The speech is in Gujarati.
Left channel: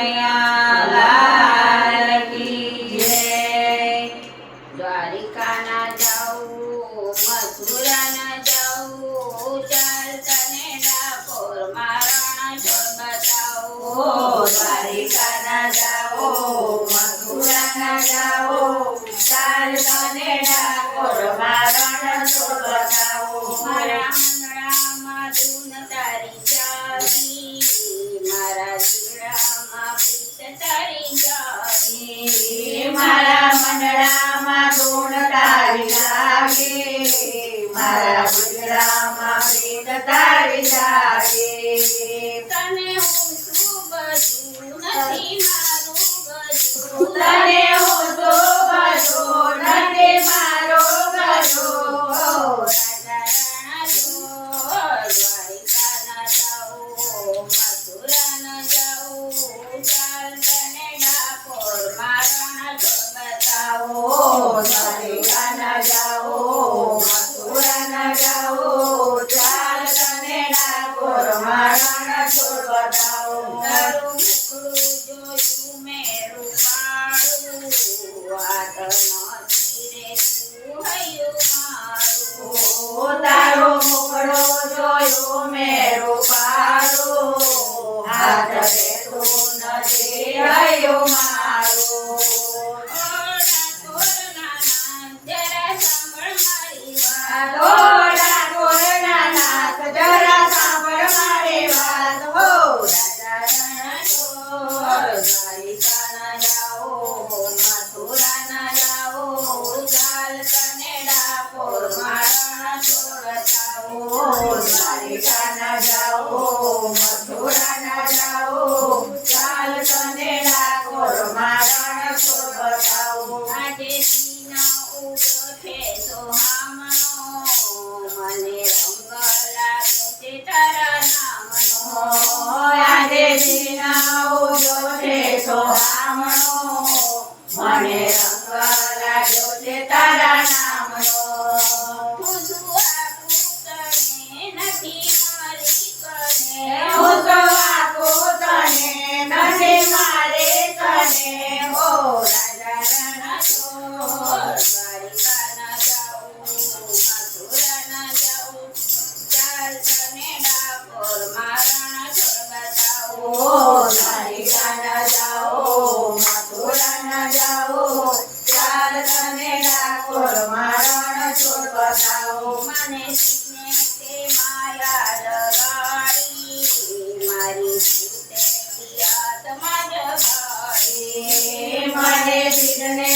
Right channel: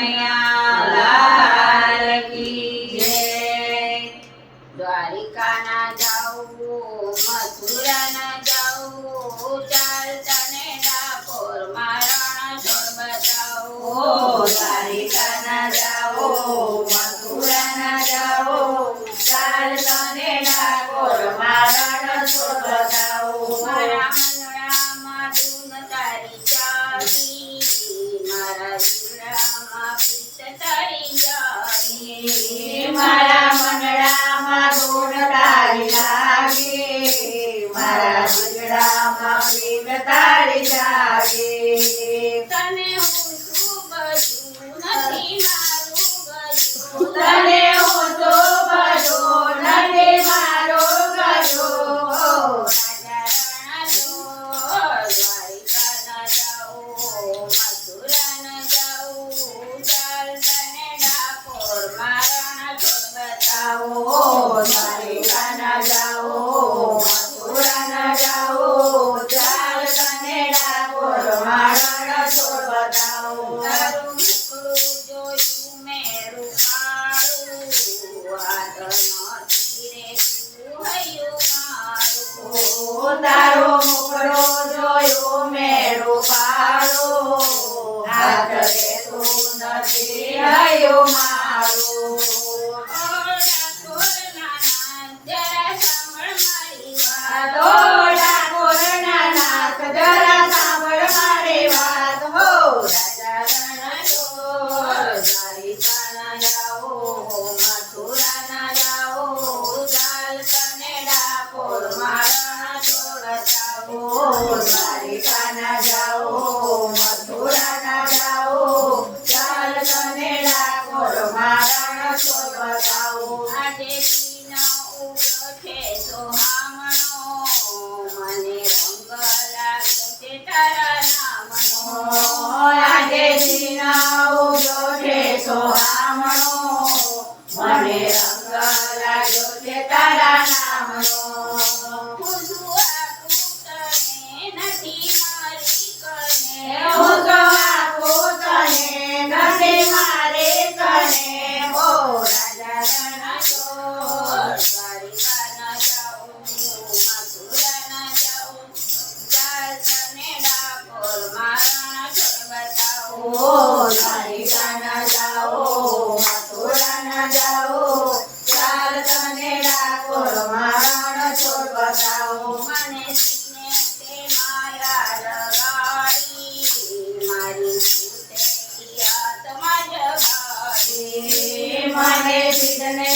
કનૈયા લાલ કી જય। દ્વારિકા ના જાઉં મથુરા ના જાઉં ચાલતા ને ડાકોર મારણ છોડ બતાવું। દ્વારિકા ના જાઓ મથુરા ના જાઓ ચાલતા ને ડાકોર મારણ છોડ બતાવો। મારા મંગળામાં ધૂન તારી જાગી મારા જીવડામાં પ્રીત તારી જાગી। મારા મંડળામાં ધૂન તારી લાગે મારા મંડળામાં પ્રીત તારી જાગે। તને હું શું બધું નથી મારું બધું તને હું તો બધું નથી મારો ગજો। રાજા રાણા જો દ્વારિકા ના જાઉં મથુરા ના જાઉં ચાલતા ને ડાકોર મારણ છોડ બતાવો। દ્વારિકા ના જાઓ મથુરા ના જાઓ ચાલતા ને ડાકોર મારણ છોડ બતાવો। તારું મુખડું જોયું મેં રૂપાળું હાથ નથી રે તું હૈયું મારું। તારો મુખડો જોયો મેળો પાડો હાથ રેતો નથી હૈયો મારો। ડાકોર નાના જરા સાંભળ મારી વાત। રાજા રણ ચોર દ્વારિકા ના જાઓ મથુરા ના જાઓ ચાલતા ને ડાકોર મારણ છોડ બતાવો। દ્વારિકા ના જાઓ મથુરા ના જાઓ ચાલતા ને ડાકોર મારણ છોડ બતાવો। આજે દિન ઉગો છે સોહામણો મને રંગ લાગ્યો છે તારા નામનો। આજે દિનાઓ જોડે સોહામણો મને રંગ લાગ્યો છે તારા નામનો। પૂજવા પૂતને નથી મારી કને હું તો આપું તને નથી મારે કને। ઓ રાજા રણ ચોર દ્વારિકા ના જાઉં મથુરા ના જાઉં ચાલતા ને ડાકોર મારણ છોડ બતાવો। દ્વારિકા ના જાઓ મથુરા ના જાઓ ચાલતા ને ડાકોર મારણ છોડ બતાવો। મને સીને તે માયા લગાડી મારી ભૂતેલી આત્મા જગાડી। મને સિદ્ધને